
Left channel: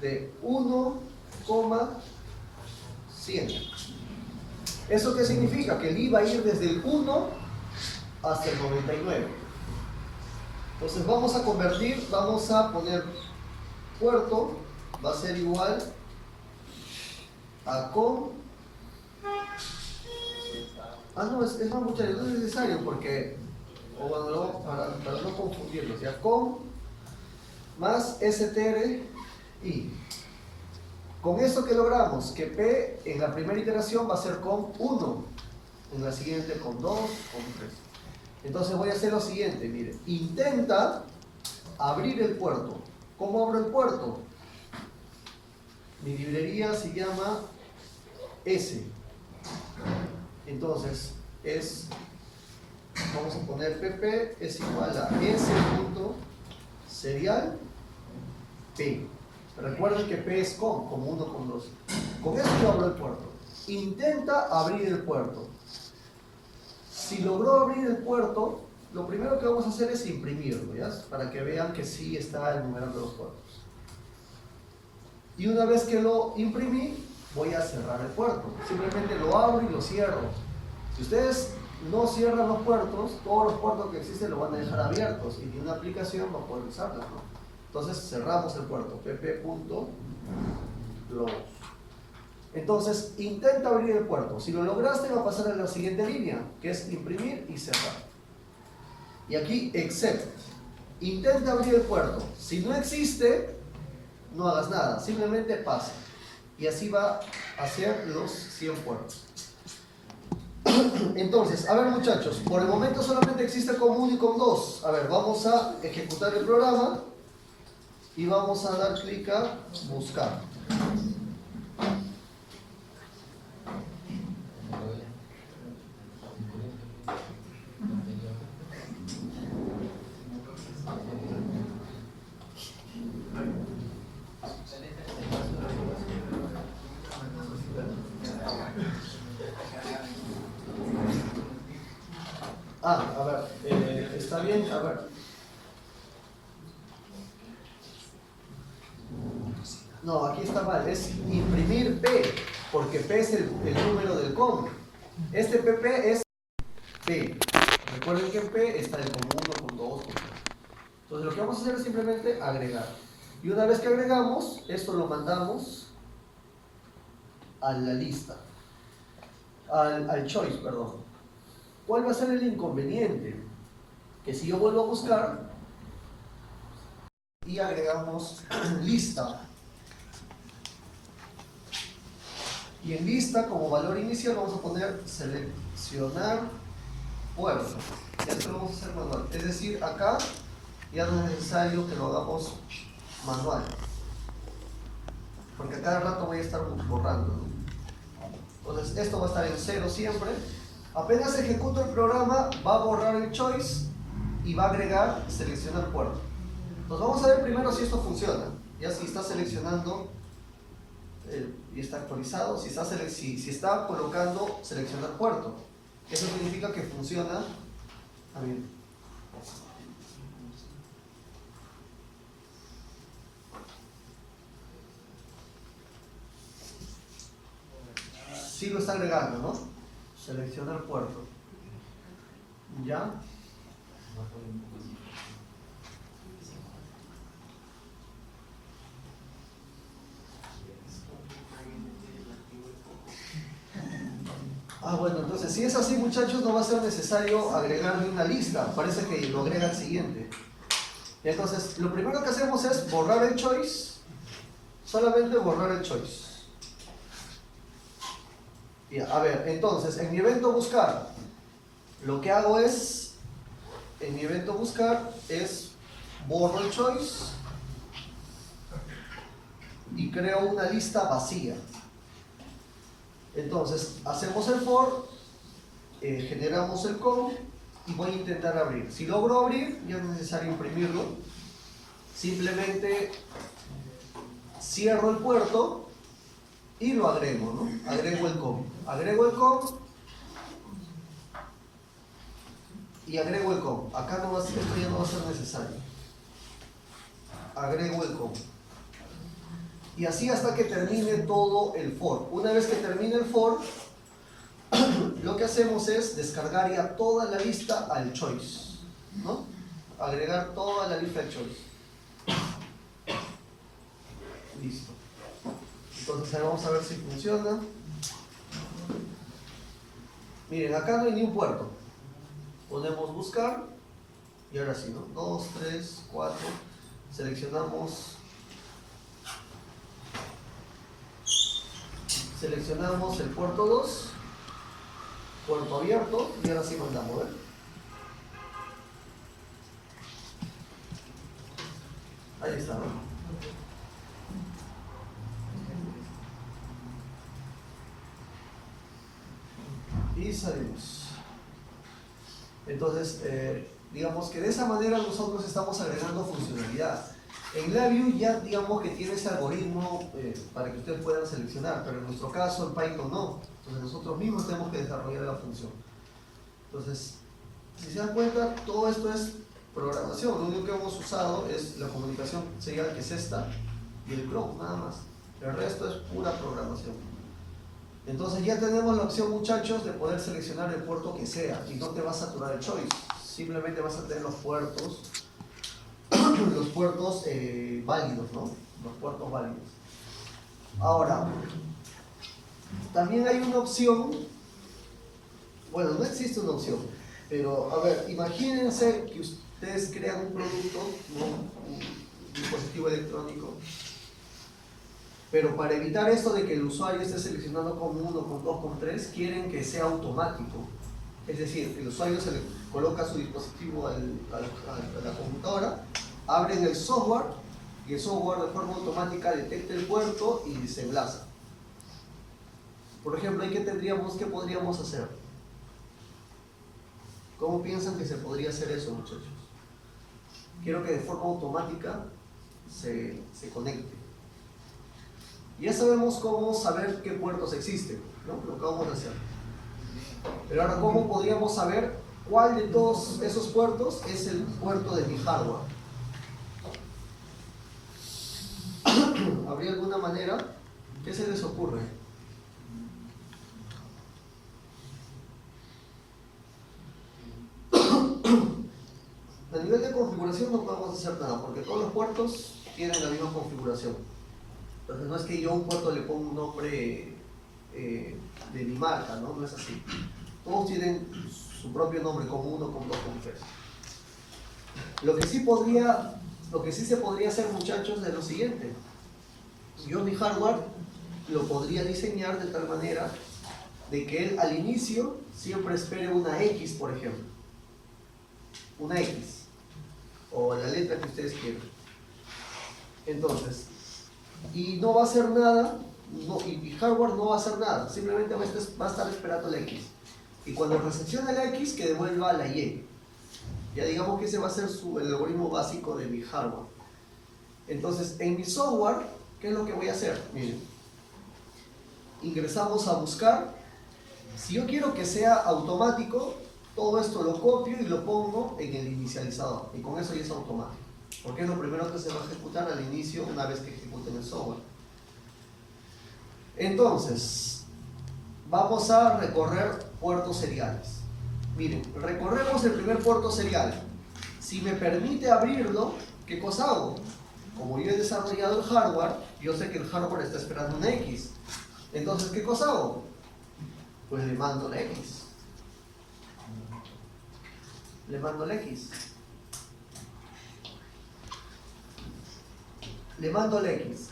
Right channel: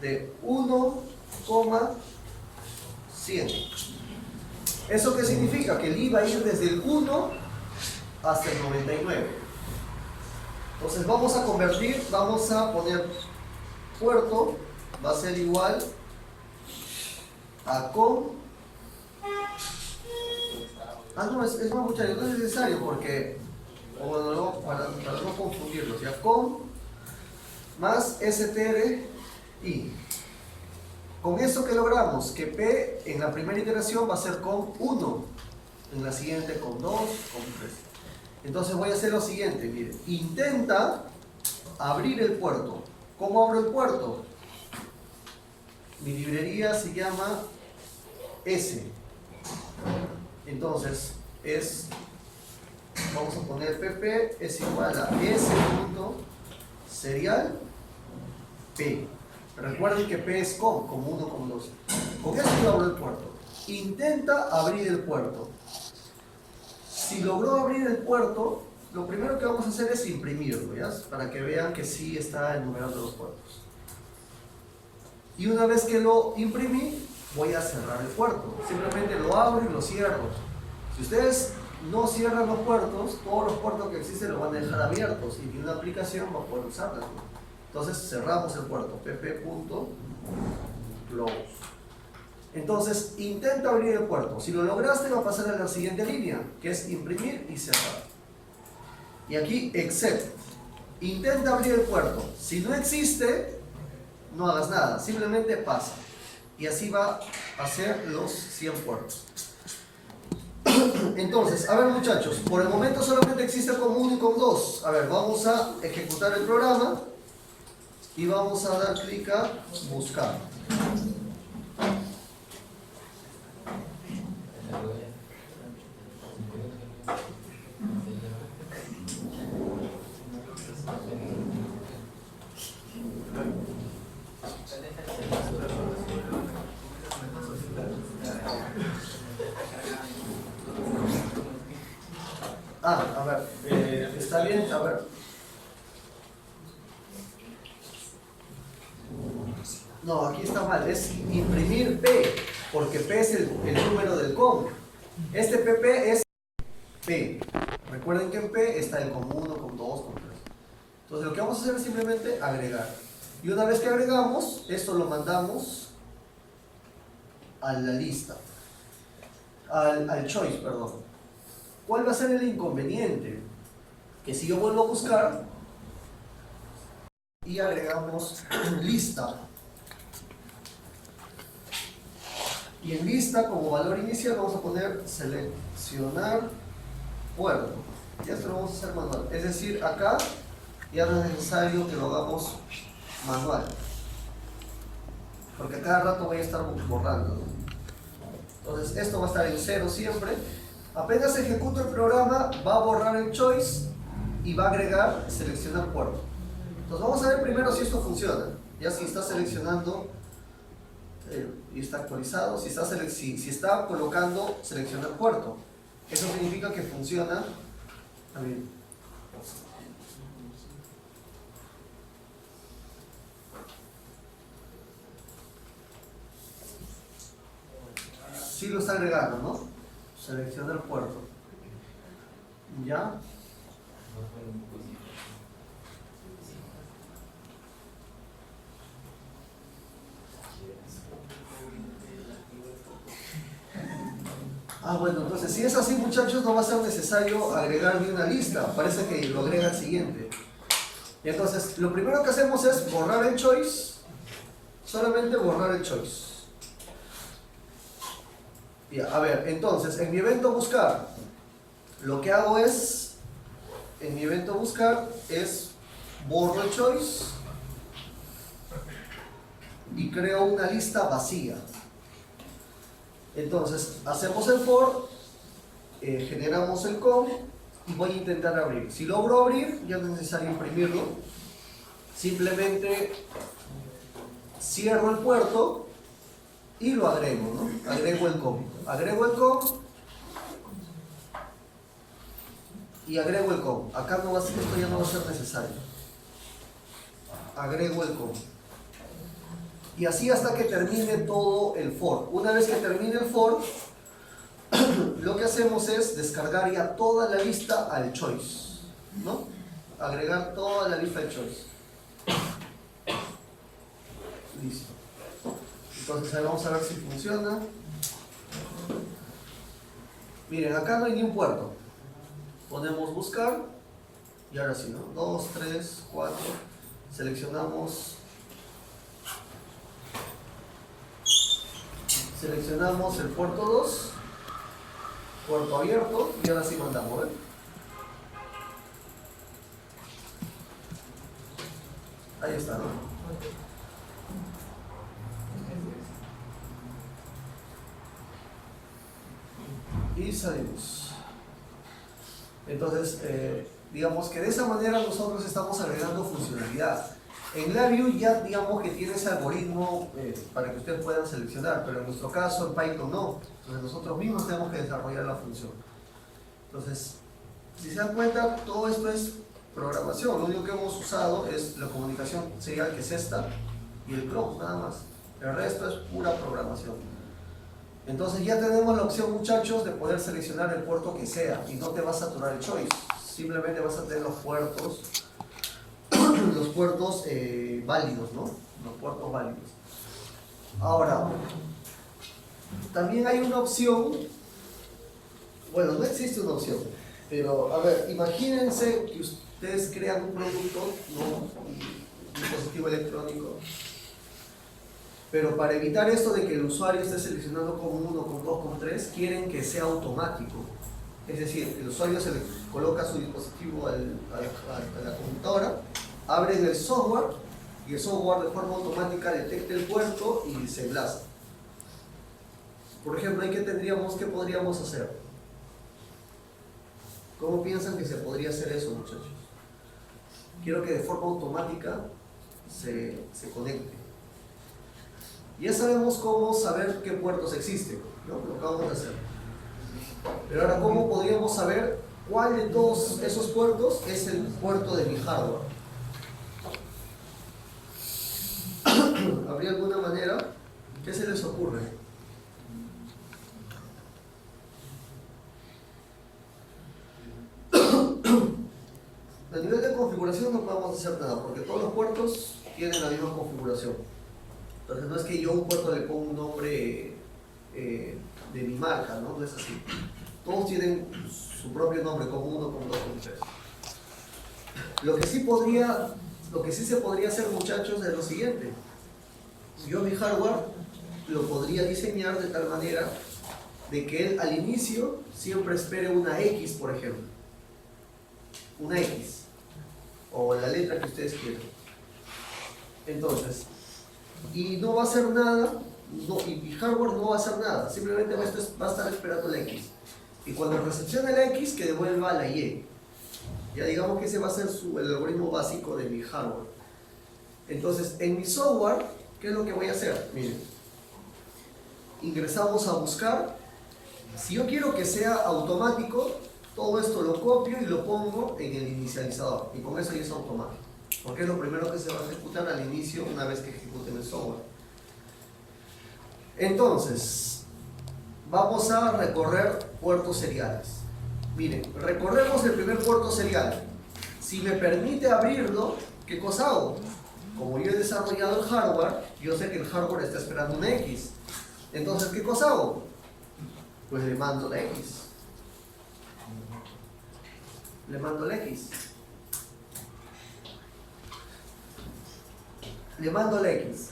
de 1,100. ¿Eso qué significa? Que el i va a ir desde el 1 hasta el 99. Entonces vamos a convertir, vamos a poner puerto, va a ser igual a com. No, es más, muchachos, no es necesario porque, o bueno, no, para no confundirlos, ya com más str i. Con esto que logramos, que p en la primera iteración va a ser com 1, en la siguiente com 2, com 3. Entonces voy a hacer lo siguiente, miren, intenta abrir el puerto. ¿Cómo abro el puerto? Mi librería se llama S. Entonces vamos a poner pp es igual a s.serial p. Recuerden que p es como 1, com 2. Con esto yo abro el puerto. Intenta abrir el puerto. Si logró abrir el puerto, lo primero que vamos a hacer es imprimirlo, ¿ya? Para que vean que sí está enumerando los puertos. Y una vez que lo imprimí, voy a cerrar el puerto. Simplemente lo abro y lo cierro. Si ustedes no cierran los puertos, todos los puertos que existen los van a dejar abiertos y ninguna aplicación va a poder usarlos, ¿no? Entonces cerramos el puerto, pp.close. Entonces intenta abrir el puerto. Si lo lograste, va a pasar a la siguiente línea, que es imprimir y cerrar. Y aquí except. Intenta abrir el puerto. Si no existe, no hagas nada, simplemente pasa. y así va a ser los 100 puertos. Entonces, a ver muchachos, por el momento solamente existe con 1 y con 2. A ver, vamos a ejecutar el programa y vamos a dar clic a buscar. A ver, está bien, a ver. No, aquí está mal, es imprimir P, porque P es el número del COM. Este PP es P. Recuerden que en P está el COM 1, COM 2, COM 3. Entonces lo que vamos a hacer es simplemente agregar. Y una vez que agregamos, esto lo mandamos a la lista, al choice, perdón. ¿Cuál va a ser el inconveniente? Que si yo vuelvo a buscar y agregamos lista, y en lista como valor inicial vamos a poner seleccionar puerto. Esto lo vamos a hacer manual, es decir, acá ya no es necesario que lo hagamos manual, porque a cada rato voy a estar borrando, ¿no? Entonces esto va a estar en 0 siempre. Apenas ejecuto el programa, va a borrar el choice y va a agregar seleccionar puerto. Entonces vamos a ver primero si esto funciona. Ya si está seleccionando y está actualizado, si está colocando seleccionar puerto. Eso significa que funciona también. Sí lo está agregando, ¿no? Seleccionar puerto. ¿Ya? Bueno, entonces si es así muchachos no va a ser necesario agregar ni una lista, parece que lo agrega el siguiente. Entonces lo primero que hacemos es borrar el choice, solamente borrar el choice. Ya, a ver, entonces en mi evento buscar, lo que hago es, en mi evento buscar es borro el choice y creo una lista vacía. Entonces hacemos el for, generamos el com y voy a intentar abrir. Si logro abrir, ya no es necesario imprimirlo, simplemente cierro el puerto y lo agrego, ¿no? Agrego el com y agrego el com. Acá no va a ser, esto ya no va a ser necesario. Agrego el com. Y así hasta que termine todo el for. Una vez que termine el for, lo que hacemos es descargar ya toda la lista al choice, ¿no? Agregar toda la lista al choice. Listo. Entonces ahí vamos a ver si funciona. Miren, acá no hay ni un puerto. Ponemos buscar y ahora sí, ¿no? 2, 3, 4. Seleccionamos el puerto 2, puerto abierto y ahora sí mandamos, ¿ver? Ahí está, ¿no? Y salimos. Entonces, digamos que de esa manera nosotros estamos agregando funcionalidad. En LabVIEW ya digamos que tiene ese algoritmo para que ustedes puedan seleccionar, pero en nuestro caso en Python no. Entonces nosotros mismos tenemos que desarrollar la función. Entonces, si se dan cuenta, todo esto es programación. Lo único que hemos usado es la comunicación serial, que es esta, y el close, nada más. El resto es pura programación. Entonces ya tenemos la opción, muchachos, de poder seleccionar el puerto que sea y no te va a saturar el choice. Simplemente vas a tener los puertos válidos, ¿no? Los puertos válidos. Ahora, también hay una opción, bueno, no existe una opción, pero a ver, imagínense que ustedes crean un producto, ¿no? Un dispositivo electrónico, Pero para evitar esto de que el usuario esté seleccionando con 1, con 2, con 3, quieren que sea automático. Es decir, el usuario se le coloca su dispositivo a la computadora, abren el software y el software de forma automática detecta el puerto y se enlaza. Por ejemplo, ¿qué podríamos hacer? ¿Cómo piensan que se podría hacer eso, muchachos? Quiero que de forma automática se conecte. Ya sabemos cómo saber qué puertos existen, ¿no? Lo acabamos de hacer. Pero ahora, ¿cómo podríamos saber cuál de todos esos puertos es el puerto de mi hardware? ¿Habría alguna manera? ¿Qué se les ocurre? A nivel de configuración no podemos hacer nada, porque todos los puertos tienen la misma configuración. Entonces no es que yo a un puerto le ponga un nombre de mi marca, ¿no? No es así. Todos tienen su propio nombre, con 1, con 2, con 3. Lo que sí se podría hacer, muchachos, es lo siguiente. Yo mi hardware lo podría diseñar de tal manera de que él al inicio siempre espere una X, por ejemplo. Una X. O la letra que ustedes quieran. Entonces, y no va a hacer nada, y mi hardware no va a hacer nada, simplemente va a estar esperando la X. Y cuando recepcione la X, que devuelva la Y. Ya digamos que ese va a ser el algoritmo básico de mi hardware. Entonces, en mi software, ¿qué es lo que voy a hacer? Miren, ingresamos a buscar. Si yo quiero que sea automático, todo esto lo copio y lo pongo en el inicializador. Y con eso ya es automático. Porque es lo primero que se va a ejecutar al inicio una vez que ejecuten el software. Entonces, vamos a recorrer puertos seriales. Miren, recorremos el primer puerto serial. Si me permite abrirlo, ¿qué cosa hago? Como yo he desarrollado el hardware, yo sé que el hardware está esperando una X. Entonces, ¿qué cosa hago? Pues le mando la X. Le mando la X. Le mando la X.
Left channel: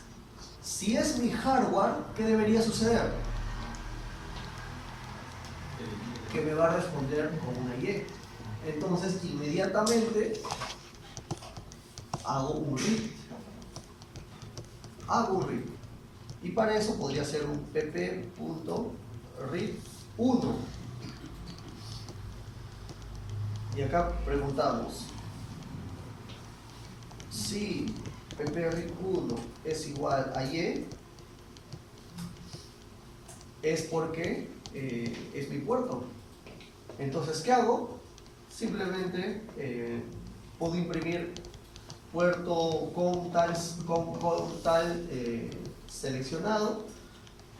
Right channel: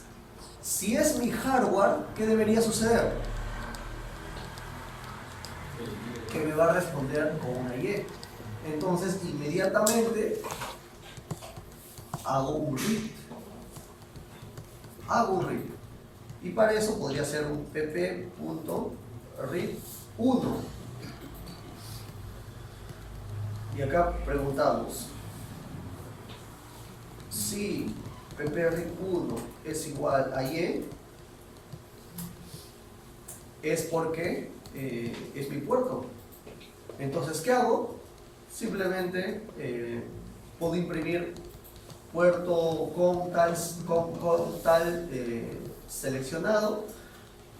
Si es mi hardware, ¿qué debería suceder? Que me va a responder con una Y. Entonces, inmediatamente hago un read. Y para eso podría ser un pp.read1. Y acá preguntamos si pp.read1 es igual a Y, es porque es mi puerto. Entonces, ¿qué hago? Simplemente puedo imprimir puerto con tal seleccionado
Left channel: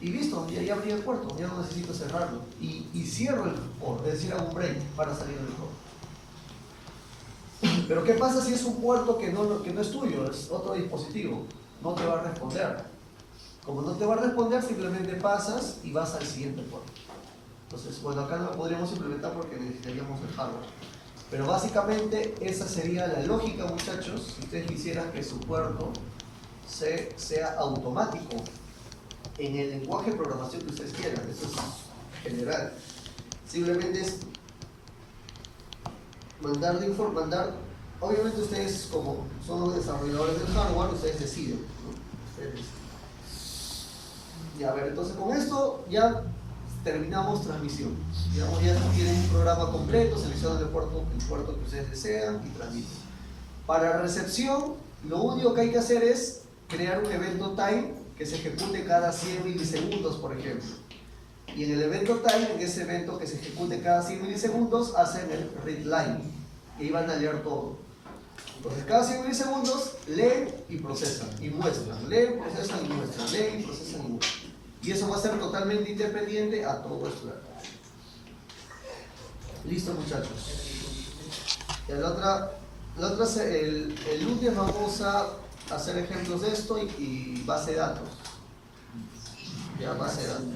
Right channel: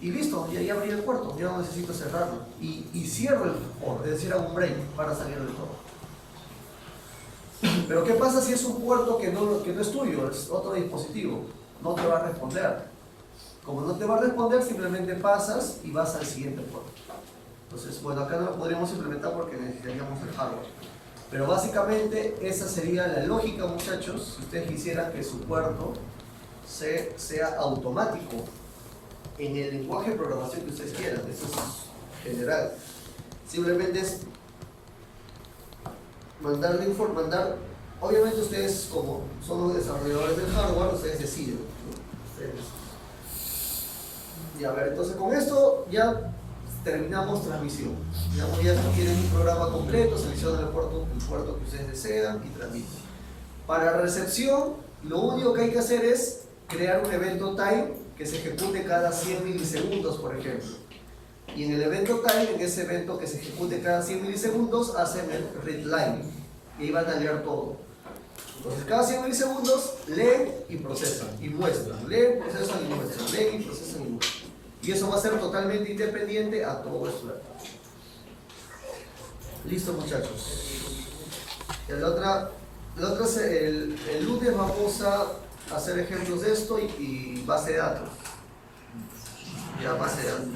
y listo, y ahí abrí el puerto, ya no necesito cerrarlo y cierro el port, es decir, hago un break para salir del todo. Pero ¿qué pasa si es un puerto que no es tuyo, es otro dispositivo? No te va a responder. Como no te va a responder, simplemente pasas y vas al siguiente puerto. Entonces, bueno, acá no lo podríamos implementar porque necesitaríamos el hardware. Pero básicamente esa sería la lógica, muchachos, si ustedes quisieran que su puerto sea automático en el lenguaje de programación que ustedes quieran. Eso es general. Simplemente es mandar. Obviamente ustedes, como son los desarrolladores del hardware, ustedes deciden, ¿no? Y a ver, entonces con esto ya terminamos transmisión. Digamos, ya tienen un programa completo, seleccionan el puerto que ustedes desean y transmiten. Para recepción, lo único que hay que hacer es crear un evento time que se ejecute cada 100 milisegundos, por ejemplo. Y en el evento time, en ese evento que se ejecute cada 100 milisegundos, hacen el read line. Y ahí van a leer todo. Entonces, cada 100 milisegundos leen y procesan y muestran. Leen, procesan y muestran. Leen y procesan y muestran. Y eso va a ser totalmente independiente a todo esto de acá. Listo, muchachos. El lunes vamos a hacer ejemplos de esto y base de datos. Ya, base de datos.